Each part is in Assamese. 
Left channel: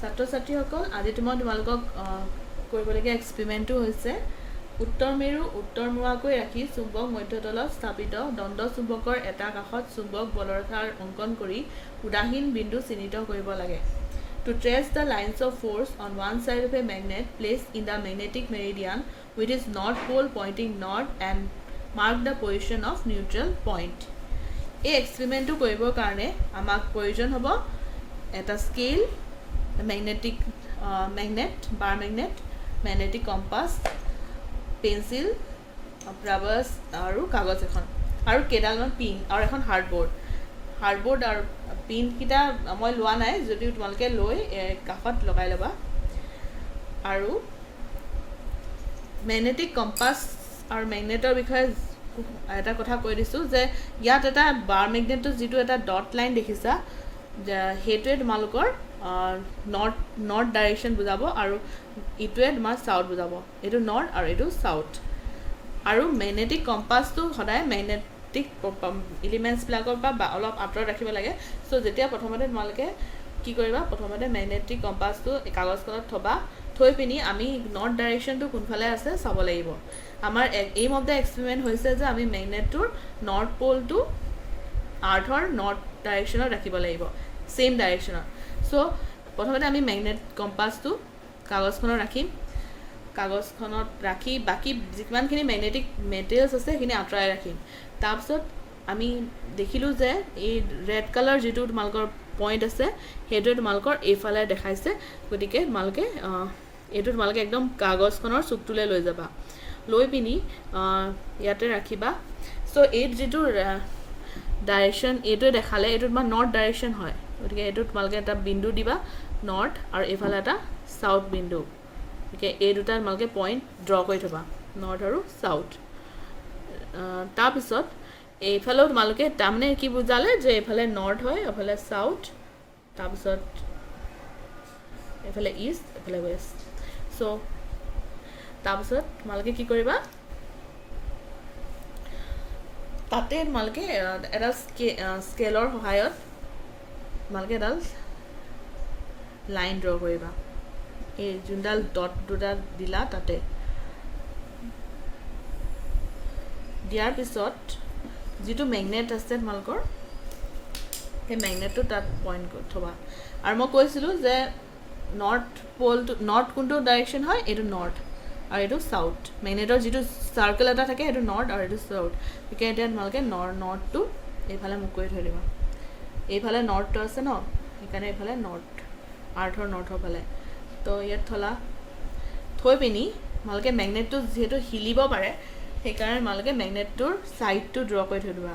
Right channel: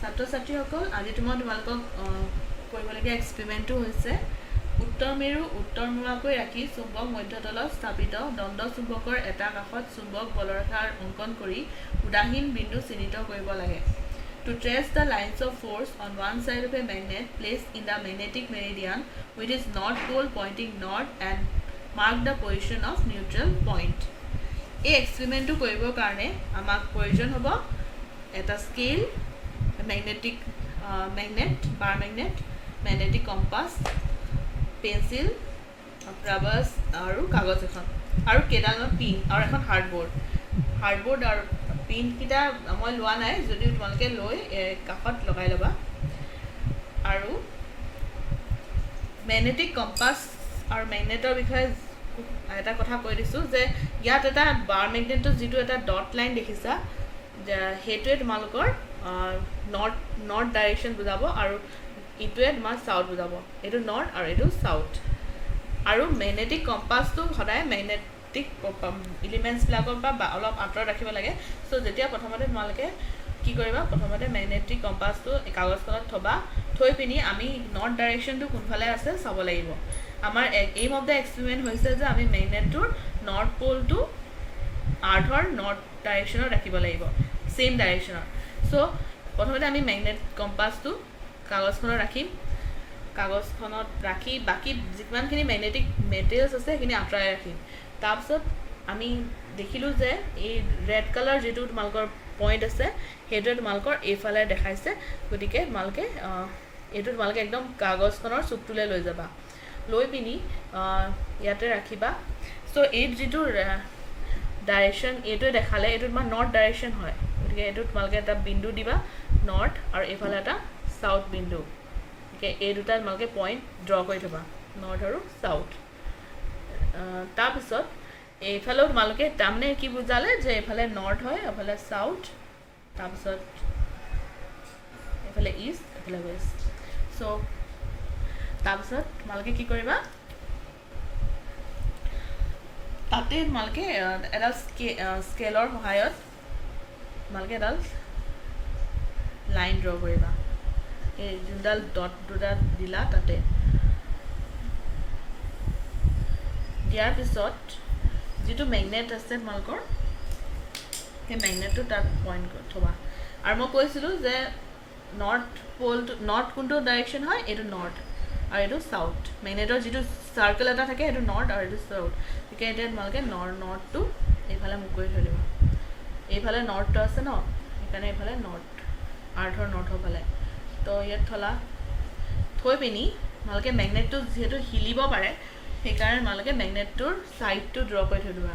ছাত্ৰ ছাত্ৰীসকল আজি তোমালোকক কৰিবলগীয়া এক্সপেৰিমেণ্টটো হৈছে উত্তৰ মেৰু উত্তৰমুৱাকৈ ৰাখি চুম্বক মধ্যতলত স্থাপিত দণ্ড চুম্বকৰ এটা কাষত চুম্বক বলৰেখাৰ অংকন কৰি উদাহীন বিন্দু চিহ্নিত কৰিব লাগে। To trace the lines of force on one side of a magnet placed in the magnetic meridian with its north pole pointing north and mark the position of neutral point. এই এক্সপেৰিমেণ্টটো কৰিবৰ কাৰণে আমাক প্ৰয়োজন হ'ব এটা scale, magnetic magnet, bar magnet, magnetic compass, pencil, rubber আৰু কাগজ এখন আৰু কেইডালমান পিন আৰু এখন হাৰ্ডবোৰ্ড আৰু পিন কিটা মই লোৱা নাই, যদি তোমালোকে লৈ কাষত লগাই ল'বা। আৰু magnetic compass আৰু magneটৰ বিষয়ে এটা কথা কৈ দিছোঁ যে ইয়াত এটা বাৰ মেগনেটৰ যিটো এটা ডট লাইন দেখিছা, সেইটোৱে তোমালোকৰ নৰ্থ ডাইৰেকশ্যন বুজাব আৰু ইটোৱে তোমাৰ চাউথ বুজাব। এইটো নৰ্থ আৰু এইটো চাউথ। আৰু মেগনেটিক কম্পাছটো সদায় মেগনেটিক এলিমেণ্টছবিলাকৰ পৰা অলপ আঁতৰত ৰাখিব লাগে। চ' যেতিয়া প্ৰথমতে তোমালোকে কি কৰিবা, প্ৰথমতে মেগনেটিক কম্পাছটো কাগজখনত থৈ পিনি আমি নৰ্থ ডাইৰেকশ্যনটো কোনফালে আছে চাব লাগিব। আমাৰ এইম অফ দ্য এক্সপেৰিমেণ্ট হৈছে যে আমি মেগনেটটোৰ নৰ্থ প'লটো আৰ্থৰ নৰ্থ ডাইৰেকশ্যনত ৰাখিব লাগিব, ছেইম ডাইৰেকশ্যনত। চ' প্ৰথমতে আমি মেগনেট কম্পাছটো কাগজখনত ৰাখি বাকী যিমানখিনি মেগনেটিক মেটেৰিয়েলছ আছে সেইখিনি আঁতৰাই ৰাখিম। তাৰপিছত আমি দেখিলোঁ যে এই ৰেড কালাৰ যিটো তোমালোকৰ পইণ্ট আছে সেইটোৱে তোমালোকৰ এইফালে দেখাইছে, গতিকে এইটো তোমালোকে একদম কাগজখনৰ চুকটোলৈ লৈ যাবা, লৈ পিনি ইয়াতে ৰাখিবা। চ' এই যিটো ডাইৰেকশ্যন এইটোৱে দেখালে এইটো তোমাৰ নৰ্থ ডাইৰেকশ্যন হয়, গতিকে এইটো তোমালোকে এটা বিন্দু দিবা নৰ্থ আৰু এইফালে এটা চাউথ বিন্দু। গতিকে এই দুটা তোমালোকে পইণ্ট ড্ৰ কৰি থ'বা, নৰ্থ আৰু চাউথ। তাৰপিছত এইফালেও তোমালোকে তাৰমানে কি বুজালে যে এইফালে নৰ্থ হয়, এইফালে চাউথ, তাৰপিছত এইফালে ইষ্ট, এইফালে ৱেষ্ট। চ' তাৰপিছত তোমালোকে কি কৰিবা, তাতে তোমালোকে এডাল স্কেলৰ সহায়ত তোমালোকে এডাল লাইন ড্ৰ কৰিবা। এই যোনডাল ডট দুটা দিলা তাতে দিয়াৰ পিছত যিটো মেগনেট আছে তোমালোকৰ সেই মেগনেটটো তাত পইণ্ট কৰি থ'বা। আৰু মই কৈছিলোঁ যে নৰ্থ কোনটো ডাইৰেকশ্যন হয়, এইটো নৰ্থ আৰু এইটো চাউথ। মেগনেটৰ যিটো চাৰ্কেল এটা থাকে সেইটো নৰ্থ আৰু এইটো চাউথ। গতিকে এতিয়া তোমালোকে নৰ্থটো এইফালে মুখ কৰি থৈ দিবা। এইফালে নৰ্থটো আছে ন, সেইকাৰণে এইফালে নৰ্থ, আৰ্থৰ নৰ্থৰ ফালে। তো ইয়াত থৈ পিনি তোমালোকে মেগনেটটো যিহেতু হিলিব পাৰে সেইকাৰণে তোমালোকে মেগনেটটোৰ ছাইডটো ড্ৰ কৰি থৈ দিবা।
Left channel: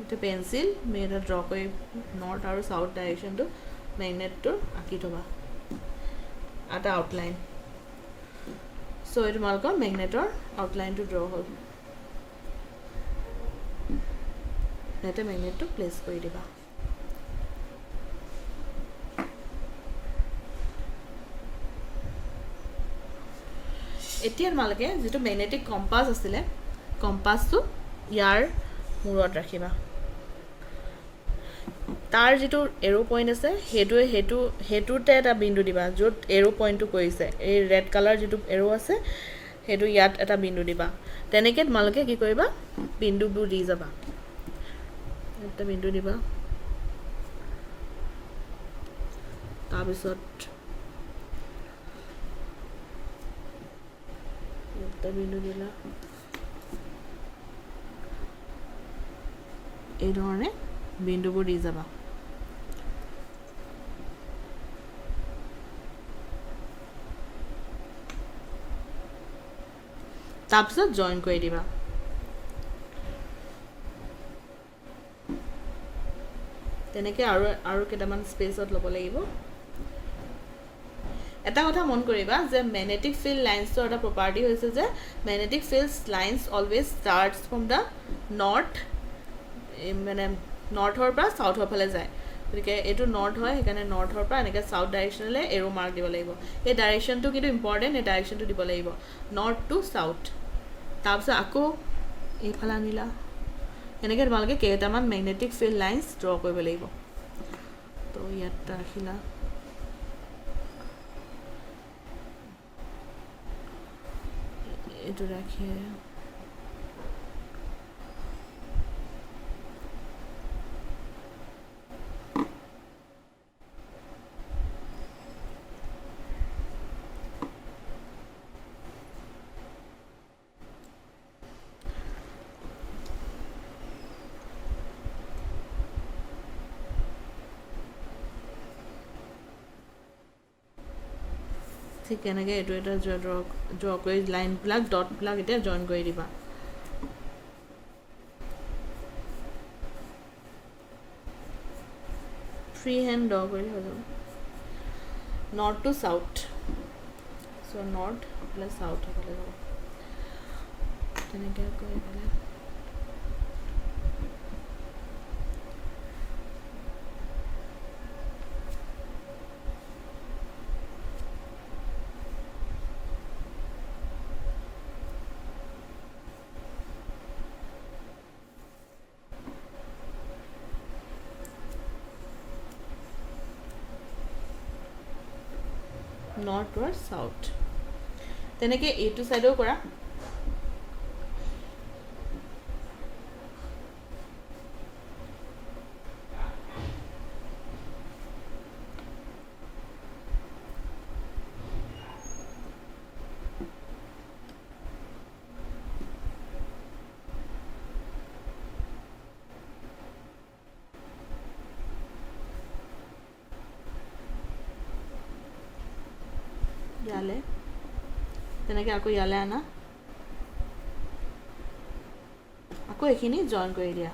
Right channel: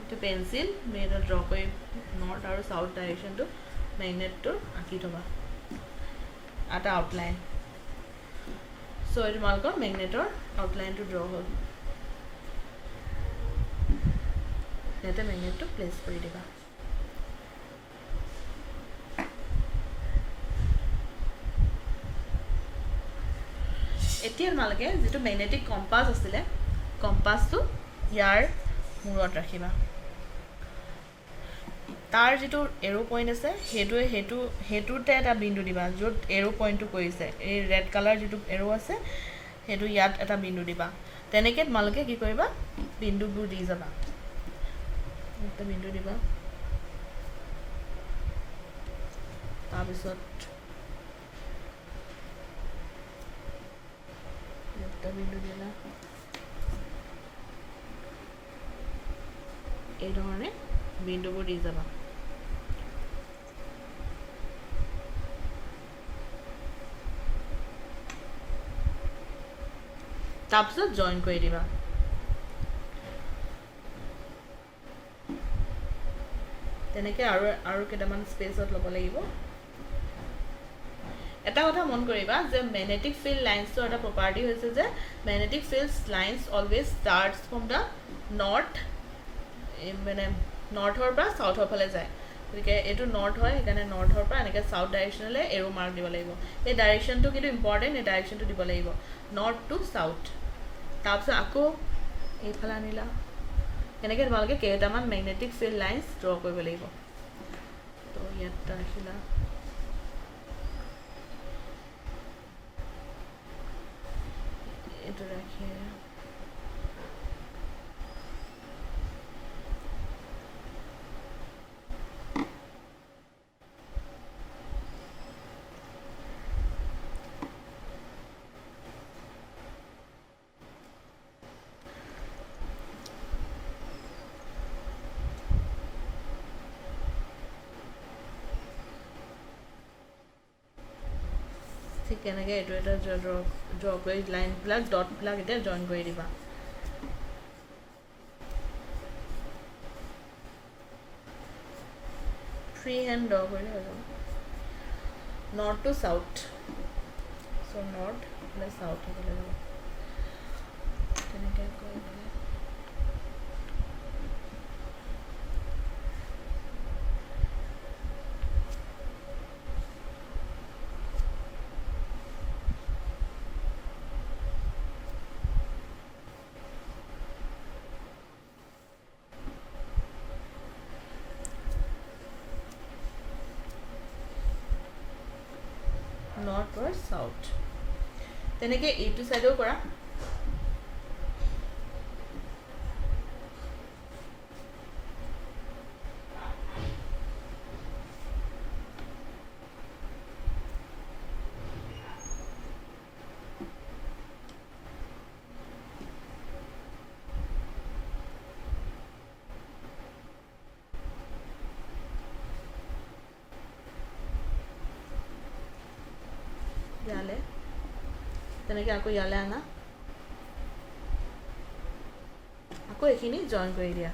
এইটো পেঞ্চিল মেগনেট ড্ৰ কৰি নৰ্থ আৰু চাউথ ডাইৰেকশ্যনটো মেগনেটটোৰ আঁকি থ'বা এটা আউটলাইন। চ' এই তোমালোকৰ মেগনেটৰ আউটলাইনটো ড্ৰ হ'ল। ইয়াতে মেগনেটটো প্লেচ কৰি দিবা। এতিয়া তোমালোকে যিটো মেগনেটিক কম্পাছ আছিলে, কম্পাছটো ইয়াৰ মূৰত ৰাখিবা। তাৰ যিটো এৰো পইণ্ট আছে সেইটোতে এটা বিন্দু দিবা, য'ত এৰো পইণ্টটো কৰিছে। এই ৰেড কালাৰ যিটো এৰো আছে সেইটো ইয়াত এটা বিন্দু দিবা। তেনেকৈ তোমালোকে কি কৰিবা, বিন্দুবোৰ দি যাবা। এটা বিন্দু দিবা, তাৰপিছত এটা বিন্দু দিলা, এই ধৰণে বিন্দুবোৰ দি যাবা। তাৰপিছত জইন কৰি দিবা। তেনেকৈ আৰু কেইটামান স্পেচত ল'ব লাগিব। এটা কথা মন কৰিবা যে মেগনেটিক ফিল্ড লাইন্সৰ এটা প্ৰপাৰ্টি হৈছে যে magnetic field lines always starts from the north, মানে নৰ্থৰ পৰা চাউথৰ ফালে যায়। গতিকে এইটো নৰ্থ হয়, সেইকাৰণে নৰ্থৰ পৰা এনেকৈ চাউথ ডাইৰেকশ্যনলৈ এৰো মাৰ্ক দিব লাগিব। এই ডাইৰেকশ্যনটো কিন্তু ইম্পৰ্টেণ্ট, এই ডাইৰেকশ্যনটো দিব লাগিব নৰ্থ টু চাউথ। তাৰপিছত আকৌ এইফালে আনিলা, এনেকৈ তোমালোকে কেইটামান মেগনেটিক ফিল্ড লাইন্স ড্ৰ কৰিব লাগিব। তো ইয়াত ৰাখিলা, এইটো ৰাখি ঠিক তেনেকৈ এইটো এটা ড্ৰ কৰি লাইনবিলাক ডটবিলাক এতিয়া জইন কৰি দিবা ফ্ৰী হেণ্ড ড্ৰ কৰিলে হৈ যাব north to south so' north plus south হ'ব লাগিব তেনেকৈ কৰি পেলাই নৰ্থ or চাউথ তেনেকৈ এইটো চাইডেও কৰা ইয়ালে তেনেকৈ আকৌ ইয়ালে আনা আকৌ এইখিনি জইন কৰি দিয়া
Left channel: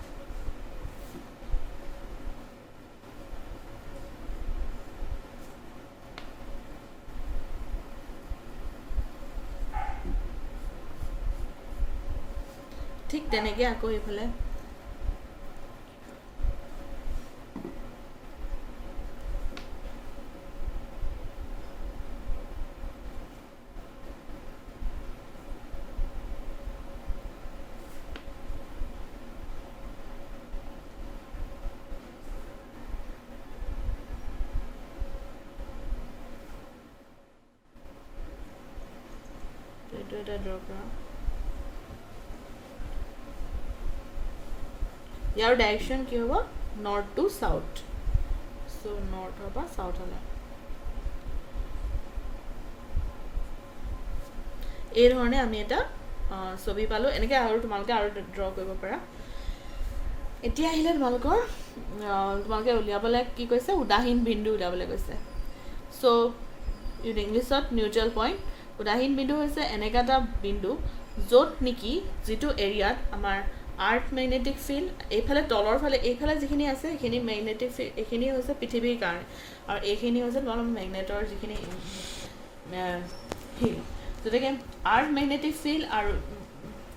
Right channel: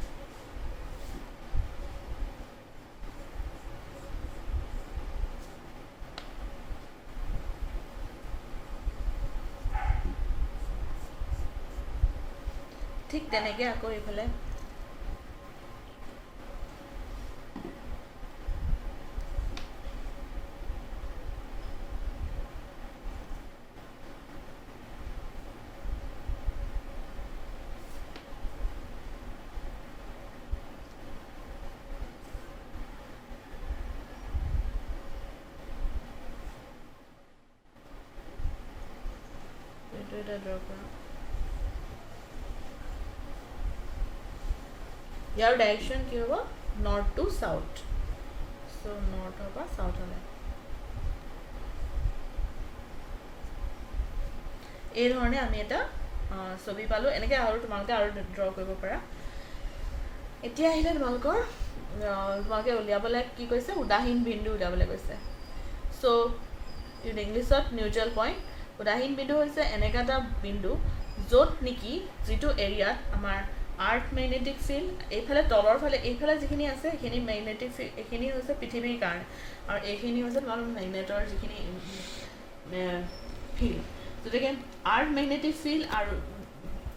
ঠিক তেনেকৈ আকৌ এইফালে এইটো এটা ড্ৰ কৰা ইয়াৰ ডাইৰেকশ্যন কি হ'ব নৰ্থ টু চাউথ চ' নৰ্থৰ পৰা চাউথলৈ এই ধৰণে আমি এটা ছবি পালোঁ এনেকৈ আৰু তোমালোকে আৰু ড্ৰ কৰিব পাৰা এতিয়া আহিলে তোমালোকে উলিয়াবলৈ কি কৈছে উদাহীন বিন্দু উলিয়াবলৈ কৈছে চ' ইংলিছত নিউট্ৰেল পইণ্ট উদাহীন বিন্দু হৈছে এনেকুৱা এটা বিন্দু য'ত নেকি যিটো এৰিয়াত আমাৰ আৰ্থ মেগনেটিক ফিল্ড এইফালে তলৰ ফালে এইফালে যিখিনি আছে সেইখিনি মেগনেটিক ফিল্ড এইখিনি হৈছে পৃথিৱীৰ কাৰণে আৰু এইখিনি হৈছে তোমালোকৰ মেগনেটৰ যিখিনি ফিল্ড গতিকে আৰ্থ মেগনেটিক ফিল্ড আৰু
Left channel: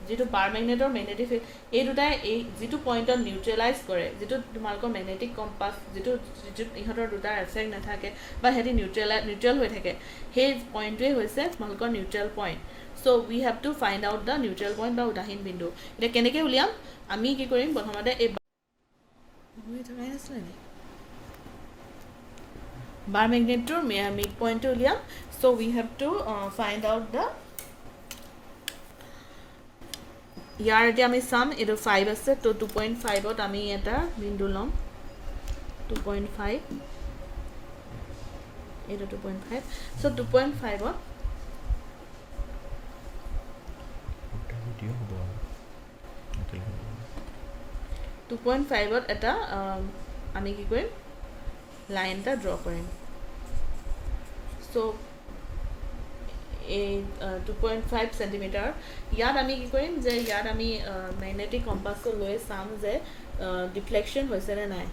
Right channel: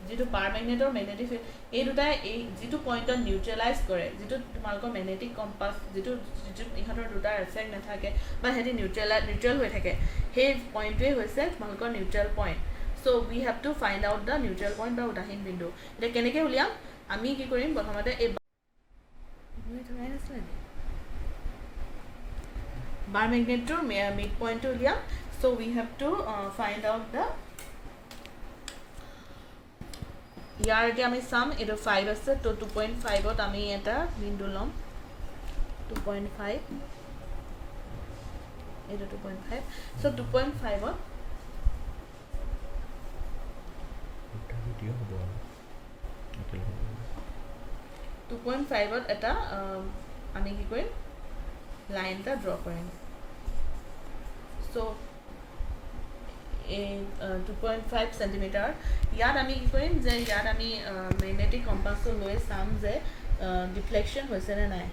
যিটো বাৰ মেগনেটৰ মেগনেটিক ফিল্ড এই দুটাই এই যিটো পইণ্টত নিউট্ৰেলাইজ কৰে যিটো তোমালোকৰ মেগনেটিক কম্পাছ যিটো ইহঁতৰ দুটাৰ এফেক্ট নাথাকে বা সিহঁতি নিউট্ৰেল হৈ থাকে সেই পইণ্টটোৱেই হৈছে তোমালোকৰ neutral point so' we have to find out the neutral point বা উদাহীন বিন্দু এতিয়া কেনেকৈ উলিয়াম আমি কি কৰিম প্ৰথমতে এই বাৰ মেগনেটটোৰ মিড পইণ্টটো উলিয়াম so' we have to find out the year এতিয়া আমি চাম এইটো 5 আছে তো 2.5ত আমি এটা বিন্দু ল'ম 2.5 এইটো 2.5 চ' 2.5ত এটা আমি কি কৰিম লাইন এটা ড্ৰ কৰিম চ' এই 2.5 সেন্টিমিটাৰ ইয়াত আমি কি কৰিম যে ইয়াত আমি মেগনেটিক কম্পাছটো লৈ চাম যে ডিফ্লেকশ্যন হৈছে নে নাই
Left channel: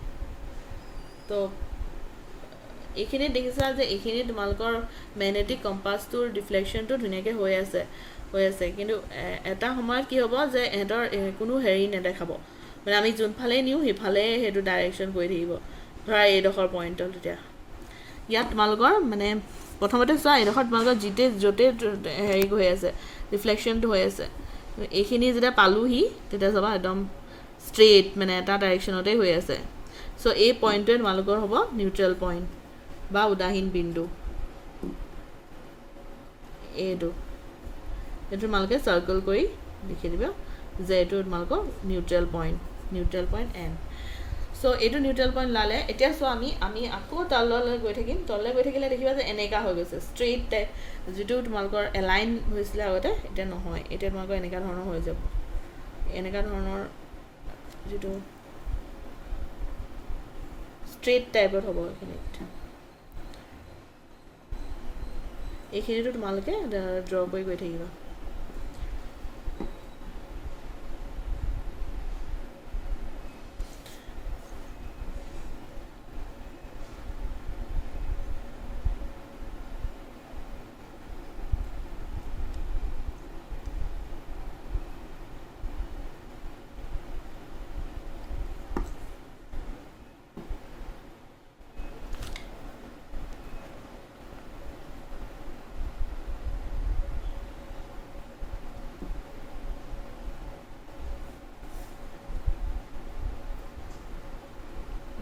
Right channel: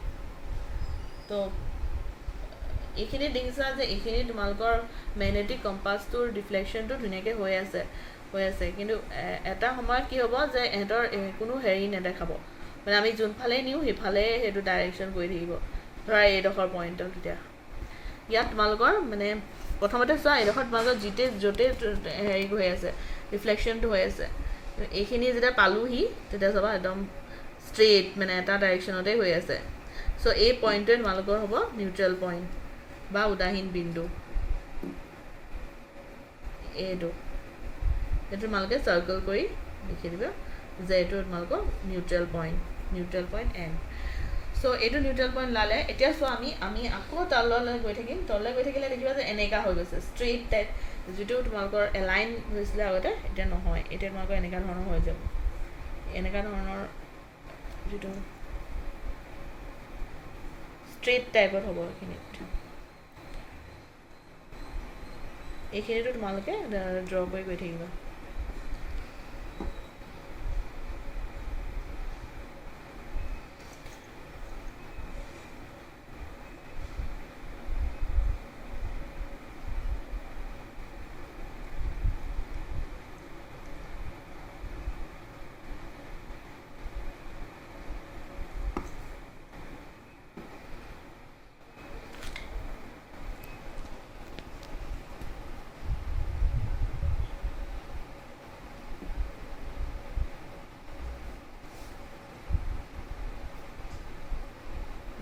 তো এইখিনি দেখিছা যে এইখিনি তোমালোকৰ মেগনেটিক কম্পাছটোৰ ডিফ্লেকশ্যনটো ধুনীয়াকৈ হৈ আছে কিন্তু এটা সময়ত কি হ'ব যে এহঁতৰ কোনো হেৰি নেদেখাব মানে আমি যোনফালে নিওঁ সেইফালে সেইটো ডাইৰেকশ্যন কৰি থাকিব ধৰা এইডোখৰ পইণ্টত তেতিয়া ইয়াত তোমালোকৰ মানে প্ৰথমতে চোৱা এইডোখৰ তোমালোকৰ য'তে হেৰি হৈ আছে ৰিফ্লেকশ্যনটো হৈ আছে এইখিনি যেতিয়া পালোহি তেতিয়া চাবা একদম ষ্ট্ৰেইট মানে এটা ডাইৰেকশ্যনতেই হৈ আছে চ' এই পইণ্টটোৱে তোমালোকৰ হ'ব নিউট্ৰেল পইণ্ট বা উদাহীন বিন্দু এইটো এইটো তোমালোকে চাৰ্কল কৰি লিখি দিবা যে এইটো তোমালোকৰ নিউট্ৰেল পইণ্ট এন সো এইটো নিউট্ৰেল পইণ্ট লালে এতিয়া সো আমি আকৌ তললৈ গৈ থাকিম তললৈ গৈ থাকিলে দেখিবা যে এনেকা হৈ গৈছে ষ্ট্ৰেইট টাইপ যেটো তোমালোকৰ এলাইন হৈছিলে আগতে এটা নহয় এটা তোমালোকৰ এনেকা ধৰণৰ হৈ যাব এনেকা ধৰণৰ যেটো ষ্ট্ৰেইট টাইপৰ হ'ব এইখিনিটো তোমালোকে ড্ৰ কৰি গৈ থাকিবা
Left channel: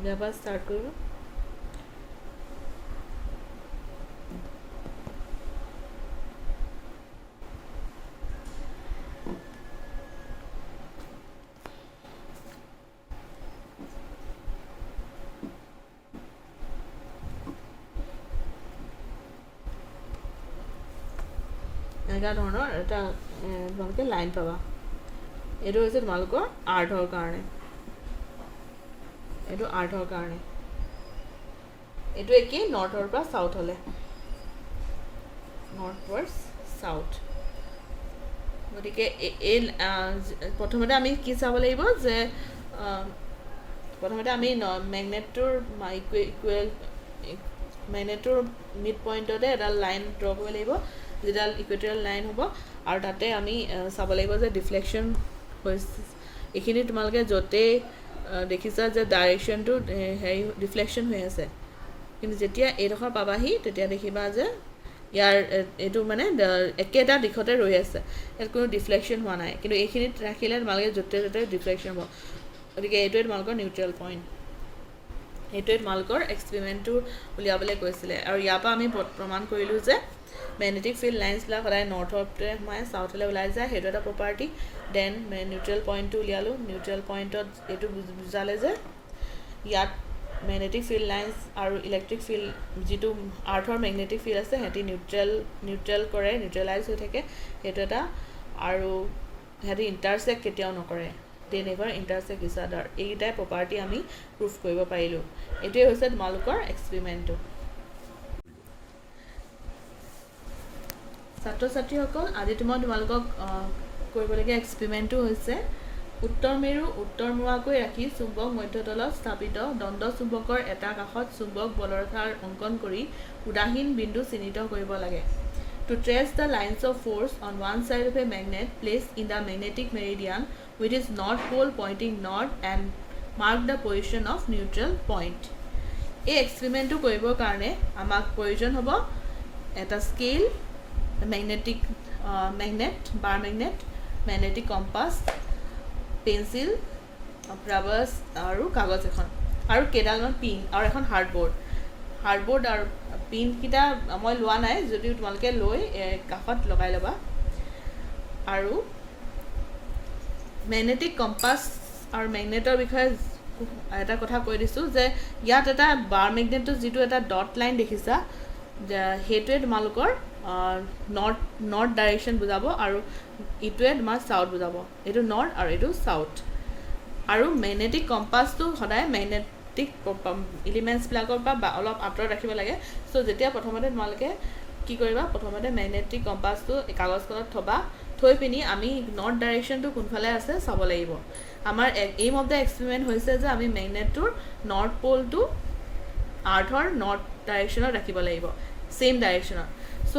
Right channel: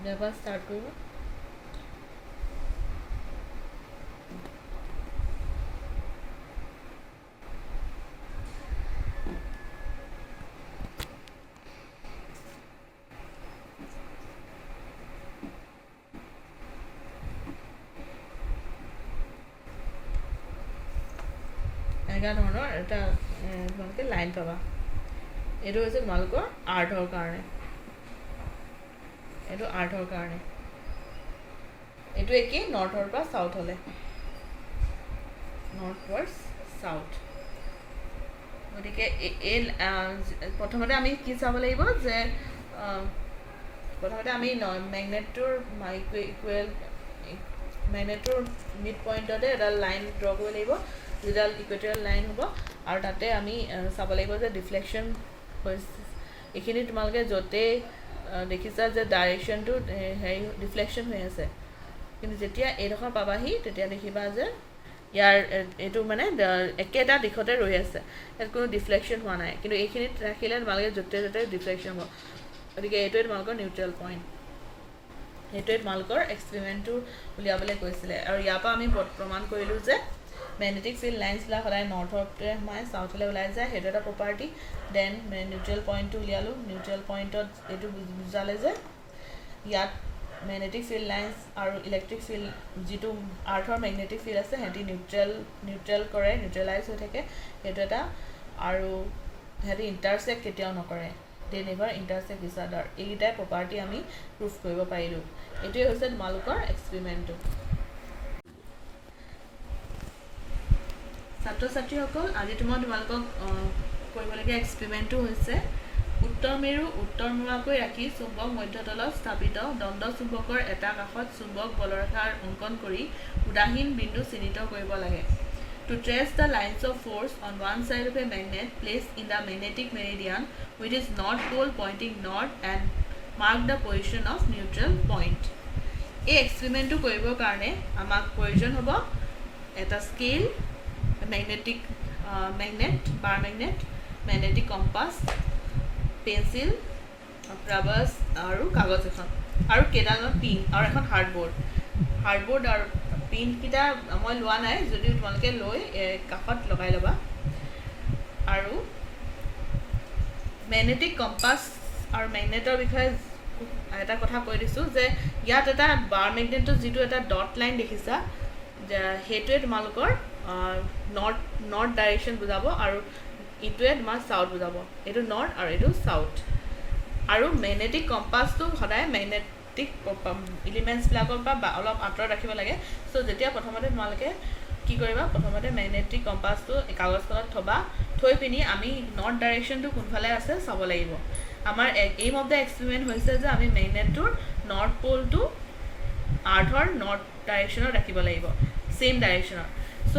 Never start কৰিব এনেকা ধৰণৰ এটা তোমালোকে লাইন পাবা এইটো হৈছে তোমালোকৰ আৰ্থৰ কাৰণে এইটো আৰ্থৰ কাৰণে এইটো একেই নৰ্থৰ পৰা সাউথ হলে নৰ্থ ৱাৰ্ডছ সাউথ গতিকে এই প্ৰথমতে আমি কি চাব লাগিব যে প্ৰথমতে আমি মেগনেটৰ ইকুৱেল মেগনেটৰ মিড পইণ্টতে এটা লাইন ড্ৰ কৰিব লাগিব যেডাল ইকুৱেটৰিয়েল লাইন হ'ব আৰু তাতে আমি চাব লাগিব যে ডিফ্লেকশ্যন হৈছে এইখিনি তোমালোকে য'তে দেখিছা যে ডাইৰেকশ্যনটো হেৰি ডিফ্লেকশ্যন হৈ আছে কিন্তু যেতিয়া এইডোখৰ পাবাহি তেতিয়া দেখিবা যে ইয়াৰ এইটো মানে একেটা দিশতে ৰৈ আছে ইয়াত কোনো ডিফ্লেকশ্যন হোৱা নাই কিন্তু এইখিনিত ৰাখিলে তোমালোকে য'তে য'তে ডিফ্লেকশ্যন হ'ব গতিকে এইটোৱে তোমালোকৰ নিউট্ৰেল পইণ্ট এইটোৱে তোমালোকৰ এক্সপেৰিমেণ্টটো উলিয়াবলৈ কৈছিলে আৰু ইয়াৰ পৰা আমি প্ৰমাণ কৰিলোঁ যে মেগনেটিক ফিল্ড লাইন্সবিলাক সদায় নৰ্থতে সোমাই চাউথলৈ ওলাই যায় সেইটো এটা প্ৰপাৰ্টি দেন নিউট্ৰেল পইণ্টটো উলিয়ালোঁ নিউট্ৰেল পইণ্টত এইটো বুজালে যে ইয়াত মেগনেটিক ফিল্ড লাইন্স আৰু ইলেক্ট্ৰিক ফিল্ড যিটো আৰ্থৰ মেগনেটিক ফিল্ড আছে সিহঁতি নিউট্ৰেল কৰে নিউট্ৰেলাইজ হৈ থাকে সেইটো এটা আৰু সিহঁতি ইণ্টাৰচেক্ট কেতিয়াও নকৰে দে নেভাৰ ইণ্টাৰচেক্ট ইচ আদাৰ এইকেইটাই প্ৰপাৰ্টি আমি প্ৰুভ কৰিব পাৰিলোঁ এইটোৱে হৈছে তোমালোকৰ এক্সপেৰিমেণ্টটো ছাত্ৰ ছাত্ৰীসকল আজি তোমালোকক কৰিবলগীয়া এক্সপেৰিমেণ্টটো হৈছে উত্তৰ মেৰু উত্তৰমুৱাকৈ ৰাখি চুম্বক মধ্যতলত স্থাপিত দণ্ড চুম্বকৰ এটা কাষত চুম্বক বলৰেখাৰ অংকন কৰি উদাহীন বিন্দু চিহ্নিত কৰিব লাগে to trace the lines of force on one side of a magnet placed in the magnetic meridian with is north pole pointing north and mark the position of neutral point এই এক্সপেৰিমেণ্টটো কৰিবৰ কাৰণে আমাক প্ৰয়োজন হ'ব এটা scale magnetic bar magnetic compass pencil rubbers আৰু কাগজ এখন আৰু কেইডালমান পিন আৰু এখন হাৰ্ডবোৰ্ড আৰু পিনকেইটা মই লোৱা নাই যদিও তোমালোকে লৈ কাষত লগাই ল'বা আৰু মেগনেটিক কম্পাছ আৰু মেগনেটৰ বিষয়ে এটা কথা কৈ দিছোঁ যে ইয়াত এটা বাৰ মেগনেটৰ যিটো এটা ডট লাইন দেখিছা সেইটোৱে তোমালোকৰ নৰ্থ ডাইৰেকশ্যন বুজাব আৰু ইটোৱে তোমাৰ চাউথ বুজাব এইটো নৰ্থ আৰু এইটো চাউথ আৰু মেগনেটিক কম্পাছটো সদায় মেগনেটিক এলিমেণ্টছবিলাকৰ পৰা অলপ আঁতৰত ৰাখিব লাগে চ' যেতিয়া প্ৰথমতে তোমালোকে কি কৰিবা প্ৰথমতে মেগনেটিক কম্পাছটো কাগজখনত থৈ পিনি আমি নৰ্থ ডাইৰেকশ্যনটো কোনফালে আছে চাব লাগিব আমাৰ এইম অফ দ্য এক্সপেৰিমেণ্ট হৈছে যে আমি মেগনেটটোৰ নৰ্থ প'লটো আৰ্থৰ নৰ্থ ডাইৰেকশ্যনত ৰাখিব লাগিব ছেইম ডাইৰেকশ্যনত চ'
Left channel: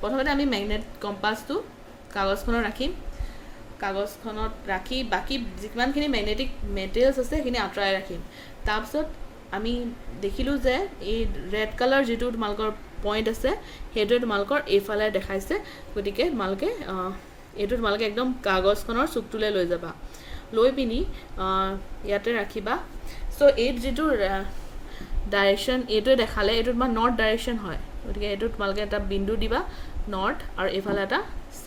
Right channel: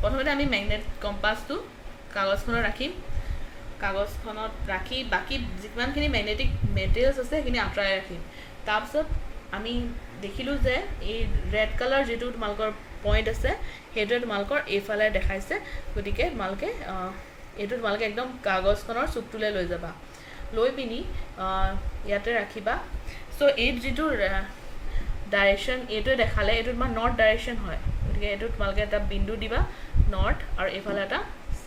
প্ৰথমতে আমি মেগনেট কম্পাছটো কাগজখনত ৰাখি বাকী যিমানখিনি মেগনেটিক মেটেৰিয়েলছ আছে সেইখিনি আঁতৰাই ৰাখিম তাৰপিছত আমি দেখিলোঁ যে এই ৰেড কালাৰ যিটো তোমালোকৰ পইণ্ট আছে সেইটোৱে তোমালোকৰ এইফালে দেখাইছে গতিকে এইটো তোমালোকে একদম কাগজখনৰ চুকটোলৈ লৈ যাবা লৈ পিনি ইয়াতে ৰাখিবা চ' এই যিটো ডাইৰেকশ্যন এইটোৱে দেখালে এইটো তোমাৰ নৰ্থ ডাইৰেকশ্যন হয় গতিকে এইটো তোমালোকে এটা বিন্দু দিবা নৰ্থ আৰু এইফালে এটা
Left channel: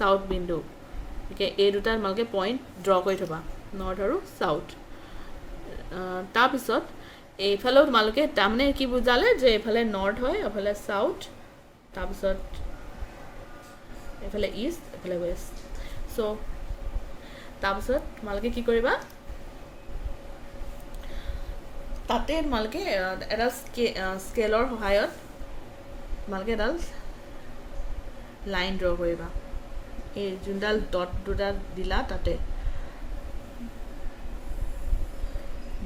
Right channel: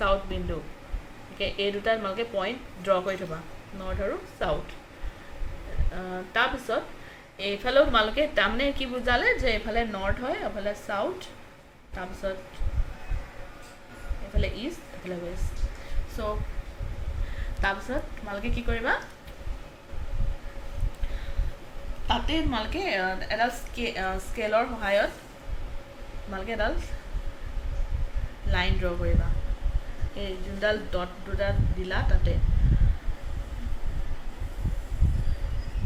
সাউথ বিন্দু ওকে এই দুটা তোমালোকে পইণ্ট ড্ৰ কৰি থ'বা নৰ্থ আৰু সাউথ তাৰপিছত এইফালেও তোমালোকে তাৰমানে কি বুজালে যে এইফালে নৰ্থ হয় এইফালে সাউথ তাৰপিছত এইফালে ইষ্ট এইফালে ৱেষ্ট চ' তাৰপিছত তোমালোকে কি কৰিবা তাতে তোমালোকে এডাল স্কেলৰ সহায়ত তোমালোকে এডাল লাইন ড্ৰ কৰিবা এই যোনডাল ডট দুটা দিলা তাতে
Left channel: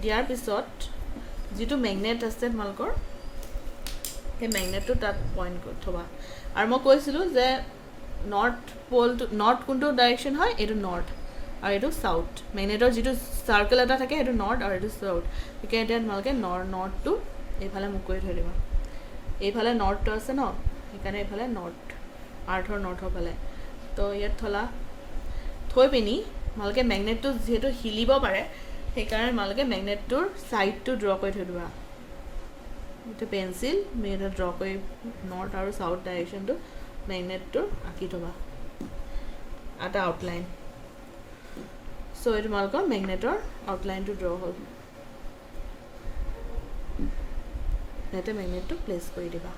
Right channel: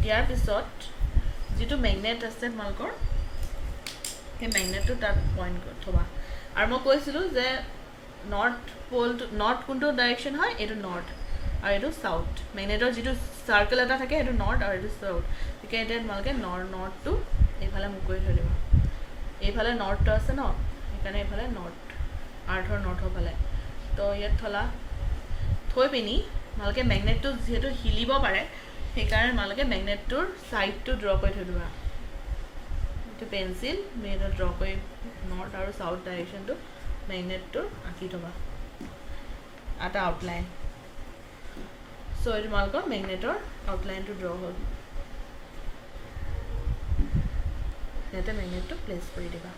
দিয়াৰ পিছত যিটো মেগনেট আছে তোমালোকৰ সেই মেগনেটটো তাত পইণ্ট কৰি থ'বা আৰু মই কৈছিলোঁ যে নৰ্থ প'লটো নৰ্থ কোনটো ডাইৰেকশ্যন হয় এইটো নৰ্থ আৰু এইটো সাউথ মেগনেটৰ যিটো চাৰ্কেল এটা থাকে সেইটো নৰ্থ আৰু এইটো সাউথ গতিকে এতিয়া তোমালোকে নৰ্থটো এইফালে মুখ কৰি থৈ দিবা এইফালে নৰ্থটো আছে ন সেইকাৰণে এইফালে নৰ্থ আৰ্থৰ নৰ্থৰ ফালে তো ইয়াত থৈ পিনি তোমালোকে মেগনেটটো যিহেতু হিলিব পাৰে সেইকাৰণে তোমালোকে মেগনেটটোৰ ছাইডটো ড্ৰ কৰি থৈ দিবা এইটো পেঞ্চিল মেগনেট ড্ৰ কৰি নৰ্থ আৰু সাউথ ডাইৰেকশ্যনটো মেগনেটটোৰ আঁকি থ'বা এটা আউটলাইন চ' এই তোমালোকৰ মেগনেটৰ আউটলাইনটো ড্ৰ হ'ল ইয়াতে মেগনেটটো প্লেচ কৰি দিবা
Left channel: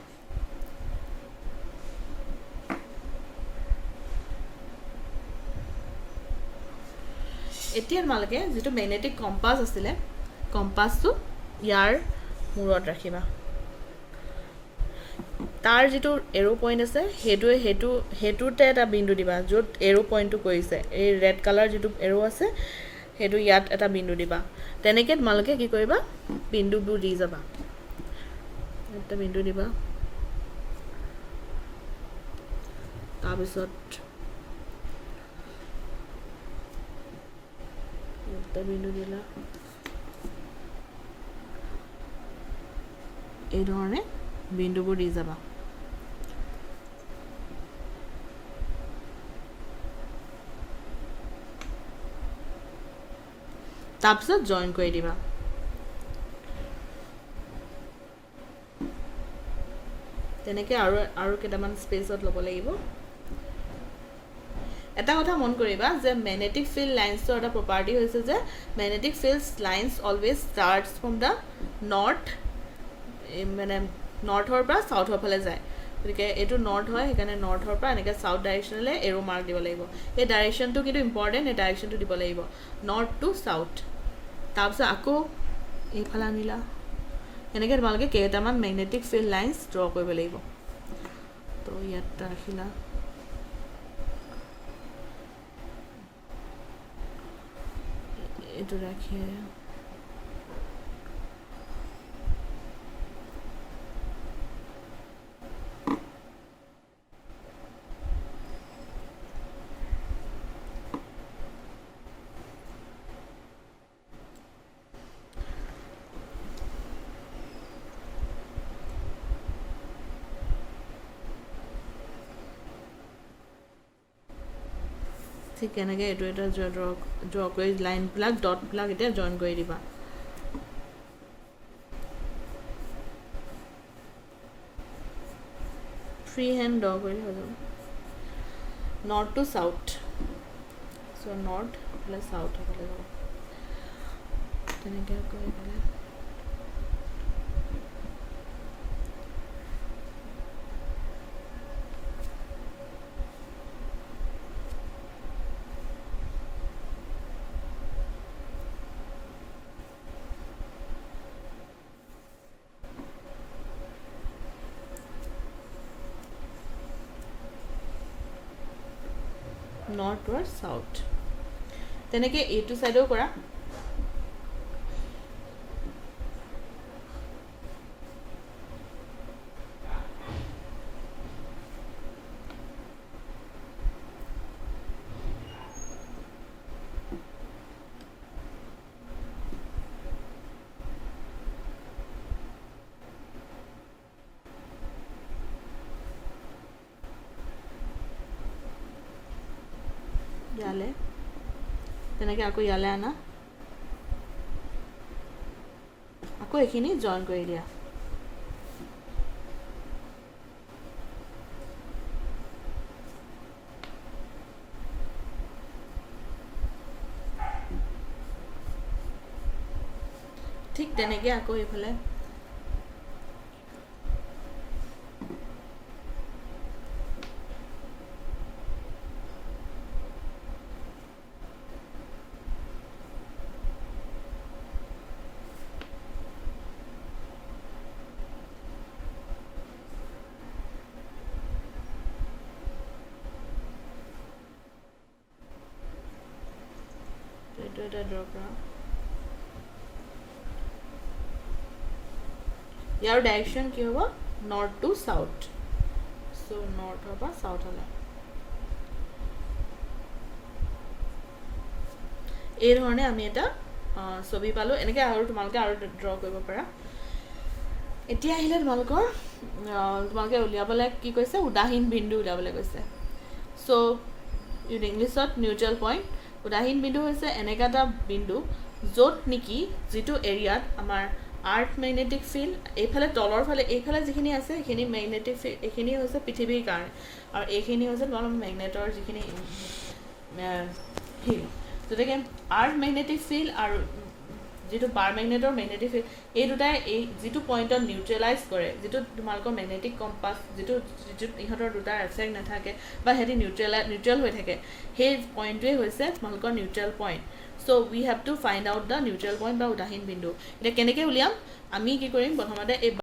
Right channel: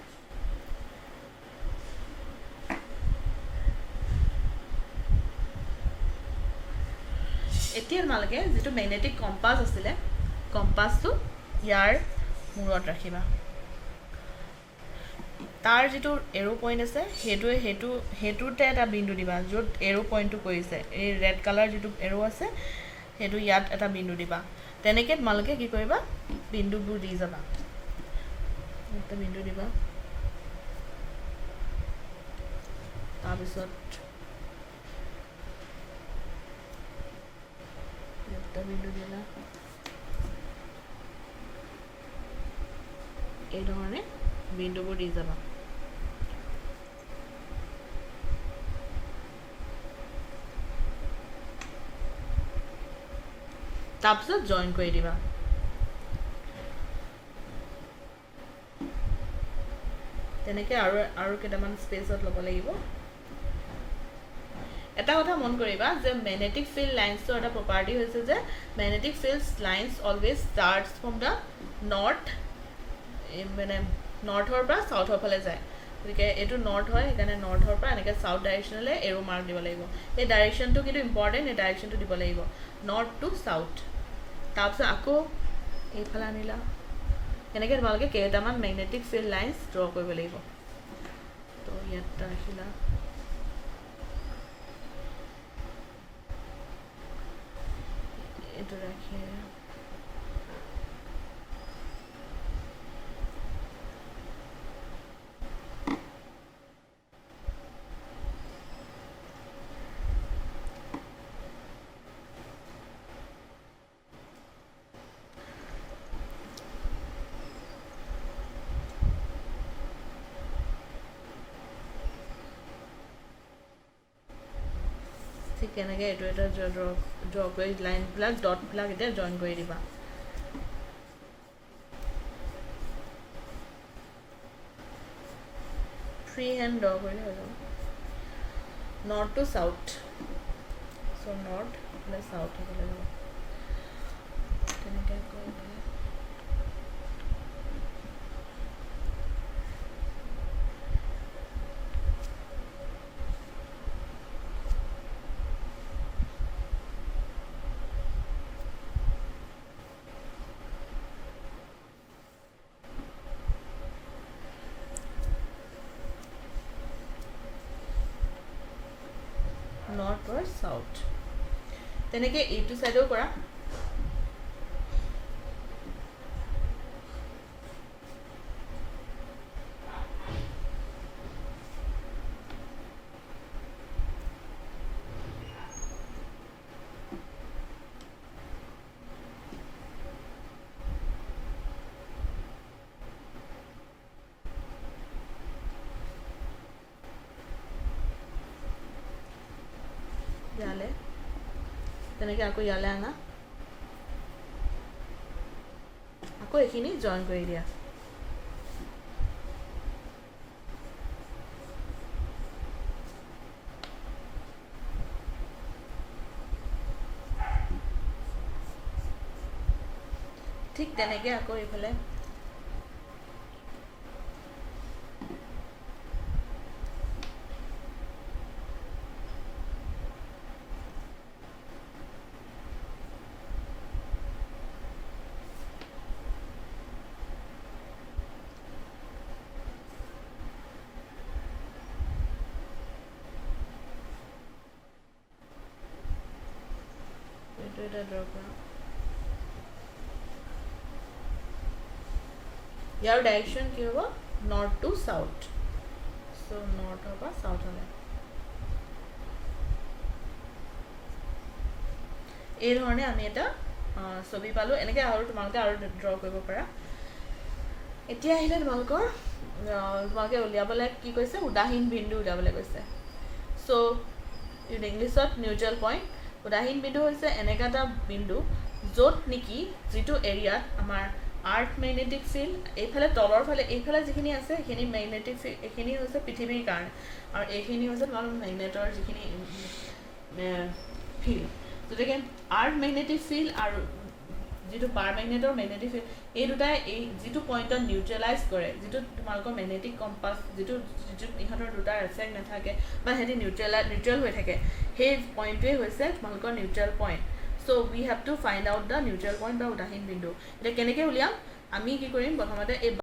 এতিয়া তোমালোকে যিটো মেগনেটিক কম্পাছ আছিলে কম্পাছটো ইয়াৰ মূৰত ৰাখিবা তাৰ যিটো এৰো পইণ্ট আছে সেইটোতে এটা বিন্দু দিবা য'ত এৰো পইণ্টটো কৰিছে এই ৰেড কালাৰ যিটো এৰো আছে সেইটো ইয়াত এটা বিন্দু দিবা তেনেকৈ তোমালোকে কি কৰিবা বিন্দুবোৰ দি যাবা এটা বিন্দু দিবা তাৰপিছত একটা বিন্দু দিলা এই ধৰণে বিন্দুবোৰ দি যাবা তাৰপিছত জইন কৰি দিবা তেনেকৈ আৰু কেইটামান স্পেচত ল'ব লাগিব এটা কথা মন কৰিবা যে মেগনেটিক ফিল্ড লাইন্সৰ এটা প্ৰপাৰ্টি হৈছে যে magnetic field lines always starts from the north মানে নৰ্থৰ পৰা সাউথৰ ফালে যায় গতিকে এইটো নৰ্থ হয় সেইকাৰণে নৰ্থৰ পৰা এনেকৈ সাউথ ডাইৰেকশ্যনলৈ এৰো মাৰ্ক দিব লাগিব এই ডাইৰেকশ্যনটো কিন্তু ইম্পৰ্টেণ্ট এই ডাইৰেকশ্যনটো দিব লাগিব নৰ্থ টু সাউথ তাৰপিছত আকৌ এইফালে আনিলা এনেকৈ তোমালোকে কেইটামান মেগনেটিক ফিল্ড লাইন্স ড্ৰ কৰিব লাগিব তো ইয়াত ৰাখিলা এইটো ৰাখি ঠিক এনেকৈ এইটো এটা ড্ৰ কৰি লাইনবিলাক ডটবিলাক এতিয়া জইন কৰি দিবা ফ্ৰী হেণ্ড ড্ৰ কৰিলে হৈ যাব north to south so' north এইফালে সাউথ হ'ব লাগিব তেনেকৈ কৰি পেলাই নৰ্থ or সাউথ তেনেকৈ এইটো সাইডও কৰা ইয়ালে তেনেকৈ আকৌ ইয়ালে আনা আকৌ এইখিনি জইন কৰি দিয়া ঠিক তেনেকৈ আকৌ এইফালে এইটো এটা ড্ৰ কৰাম ইয়াৰ ডাইৰেকশ্যন কি হ'ব নৰ্থ টু সাউথ সো নৰ্থৰ পৰা সাউথলৈ এই ধৰণে আমি এটা ছবি পালো এনেকৈ আৰু তোমালোকে আৰু ড্ৰ কৰিব পাৰা এতিয়া আহিলে তোমালোকে উলিয়াবলৈ কি কৈছে উদাহীন বিন্দু উলিয়াবলৈ কৈছে সো ইংলিছত নিউট্ৰেল পইণ্ট উদাহীন বিন্দু হৈছে এনেকা এটা বিন্দু য'ত নেকি যিটো এৰিয়াত আমাৰ আৰ্থ মেগনেটিক ফিল্ড এইফালে তলৰ ফালে এইফালে যিখিনি আছে সেইখিনি মেগনেটিক ফিল্ড এইখিনি হৈছে পৃথিৱীৰ কাৰণে আৰু এইখিনি হৈছে তোমাৰ মেগনেটৰ যিখিনি ফিল্ড গতিকে আৰ্থ মেগনেটিক ফিল্ড আৰু যিটো পাৰ মেগনেটৰ মেগনেটিক ফিল্ড এই দুটাই এই যিটো পইণ্টত নিউট্ৰেলাইজ কৰে যিটো তোমালোকৰ মেগনেটিক কম্পাছ যিটো ইহঁতৰ দুটা এফেক্ট নাথাকে বা সিহঁতি নিউট্ৰেল হৈ থাকে সেই পইণ্টটোৱে হৈছে তোমালোকৰ neutral point so we have to find out the neutral point বা উদাহীন বিন্দু এতিয়া কেনেকৈ উলিয়াম আমি কি কৰিম প্ৰথমতে এই